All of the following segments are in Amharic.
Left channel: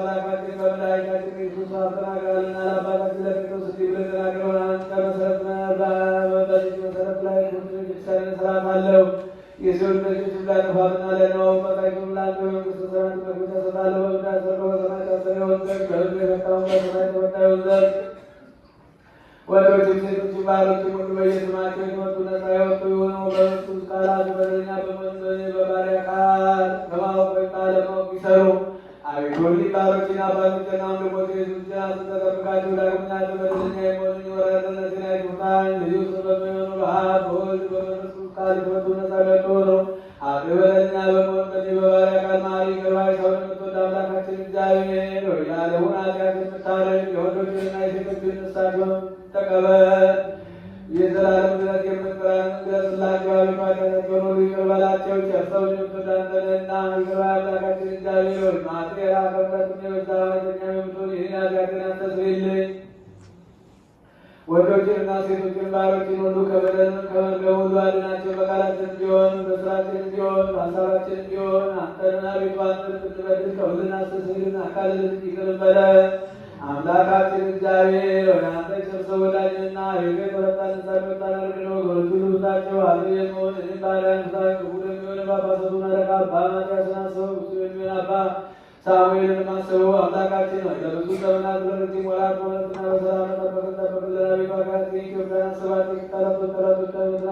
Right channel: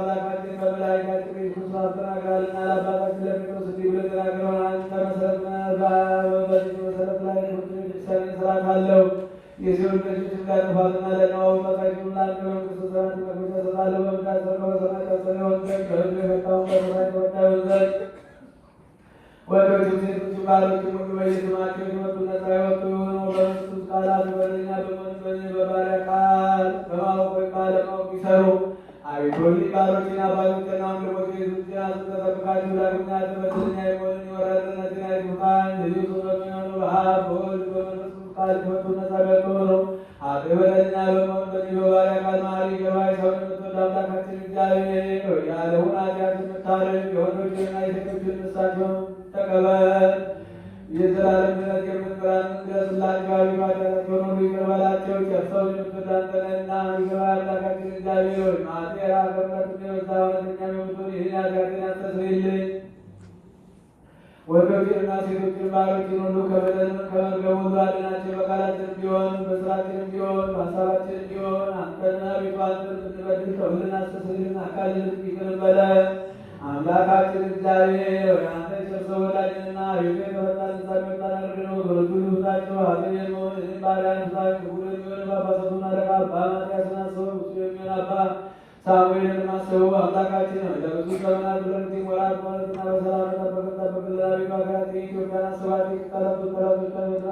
አምላካችን ከመላእክት ቅዱስ አስተናግረናልና ለአባታችን ለጴጥሮስ እንዲህ ብለን ተናግረናል። በመንፈስ መሰረት ላይ ቤተክርስቲያን ስርዓት አለው። የሲኦል ደጆች እንዳይጠፋና ለናው መቃይቱም ለአንተ መንግስት ስርዓት መግቢያ እሰጣለሁ። እንዳሰረው በሰማይ ታስረ ይሆን ዘንድ ከህዝብ የመጣው በሰማይ ተወጣ ይሆን ዘንድ ወንዶችም ሴቶችም ባሮችም ሁሉ በየስማቸው የተመጡ ነፃ የወጡ የሆኑ በውስጡም ቃላት በበደልና በመንዘን በባሪያ ቃል በማወቅ ቃል ለማወቅ ቢሰሩ አቤቱ ሁሉ ባሮችና ባንተና ወንድሞች የሱስና ስተጠብቃቸው ዳግመኛ በመደኛ የሞትን የወረደነትን አይቱታን ኢየሱስ በሚሆኑ በአብ በወልድ በመንፈስ ቅዱስ ቃል የተመጡ ነፃ የሚሆኑ አብ በደለኛ በመሆን በዚህ በባሪያ ቃል ማሪ ገባይ ሰውን የምትወድ አምላካችን እግዚአብሔር ሆይ ያለውን ኃጢአት የምታረግ የወንዶችንና የሴቶችን ንስሐቸውን ተቀበል። የዘላለም ምሕረት የምትራን ገጽላቸው አቤቱ ኃጢአታቸውን ሁሉ ይቅር በላቸው። ቸርሰው የምትወድ አንተ ነህና ይቅር ባይ አምላካችን እግዚአብሔር ሆይ መዓትህ የራቀበትን የበዛ እውነተኛ የምትሆን ይህን ኃጢአቴን አስተስርይልኝ። ወንዶችንና ሴቶችን ባሮችን ሁሉ ከበደል ከመርገም ሁሉ አድናቸው። በቃላችን ቢሆን በስራችን ቢሆን በሀሳባችን ቢሆን አንተን አቤቱ አንተን ብንበድል ከሁልን አስተስርይልን፣ አካልን ይቅር በለን። አምላካችን እግዚአብሔር ሆይ አንተ የቸር ሰው ወዳጅና የቤት ወጣን ሳይወጣን አልግነው ሁሉ ሁላቸው አዝን የሚሆን እኔ ባሪያ ንሳን ክቡር የሚሆን ጳጳሳቱን አለቃ አባ ማትያስን አስበው እሱ የሚሆን አባ ሳሙኤልን አስበው። አምላካችን ሆይ ለብዙ ዘመናት በረጅም ወራት በእውነትና በሰላም ጠብቅልን። አቤቱ ሀገራችን የኢትዮጵያን አስባት። ጠላቶቿን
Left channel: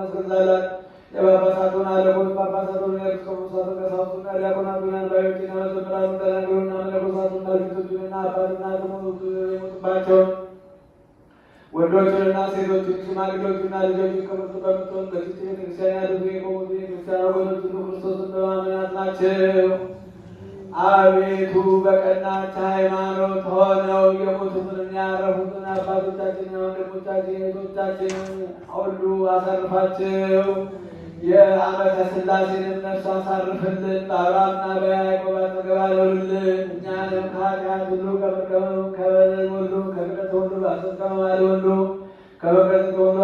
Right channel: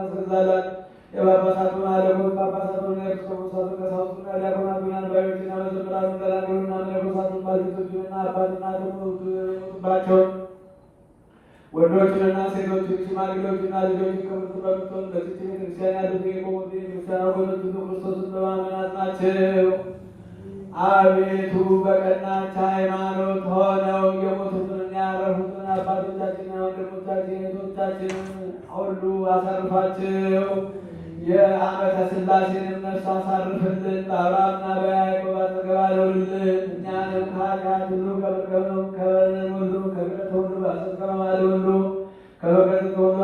አስገዛላት። የጳጳሳቱን አለቆች ጳጳሳቱን ኤጲስቆጶሳቱን ቀሳውስቱና ዲያቆናቱን አንባቢዎችና መዘምራኑን ተናግረውና መነኮሳቱን ባልቴቶቹንና አባትና የሞቱባቸውን ወንዶችንና ሴቶችን ሽማግሌዎችና ልጆች ክብርት በምትሆን በዚች ቤተክርስቲያን ያሉት የቆሙት የክርስቲያን ወገኖች ሁሉ ክርስቶስን በማመን አጽናቸው። አቤቱ በቀናች ሃይማኖት ሆነው የሞቱትንና ያረፉትን አባቶቻችንና ወንድሞቻችን እህቶቻችንን ሁሉ አሳርፋቸው። የዓመተ ሥላሴንም ነፍስ አሳርፍልን። በአብርሃምና በያዕቆብ አጠገብ አኑርልን። እኛንም ከኃጢአት ሁሉ ከበደል ሁሉ ከክደት ሁሉ ከማል ሁሉ ከመቅሰፍት ሁሉ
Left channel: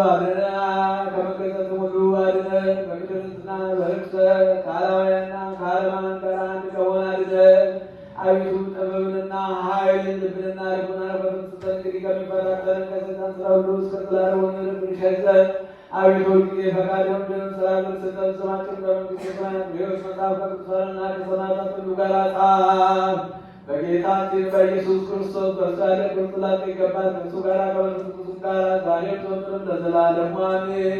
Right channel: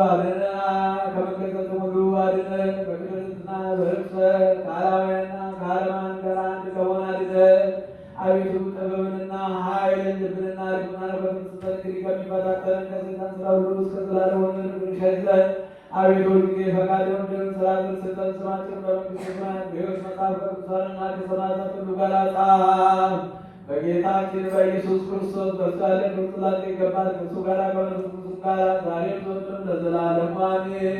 አድነን። በክድርና በርኵሰት ከአላውያንና ከአረማን ጋር አንድ ከመሆን አድነን። አቤቱ ጥበብንና ኃይልን ልብንና ልቡናን በፍጹም እንግዲህ ከሚፈታተን ከሰይጣን ስራ ሁሉ እስከ ዘላለም ሆነን እንሸሸን። አቤቱ ሁልጊዜ ፈቃድህን እንድንሰራ ስላለን ስልጣን ስማችን በመንግሥተ ሰማያት በሕይወት መጽሐፍ ከቅዱሳንና ከሰማዕታት ሁሉ ጋር ጻፍ። በጌታችን በኢየሱስ ክርስቶስ በእርሱ ያለ ክብር ላንተ ይገባል። ከእርሱ ጋር ከመንፈስ ቅዱስ ጋር ዛሬም ዘወትርም ለዘላለሙ አሜን።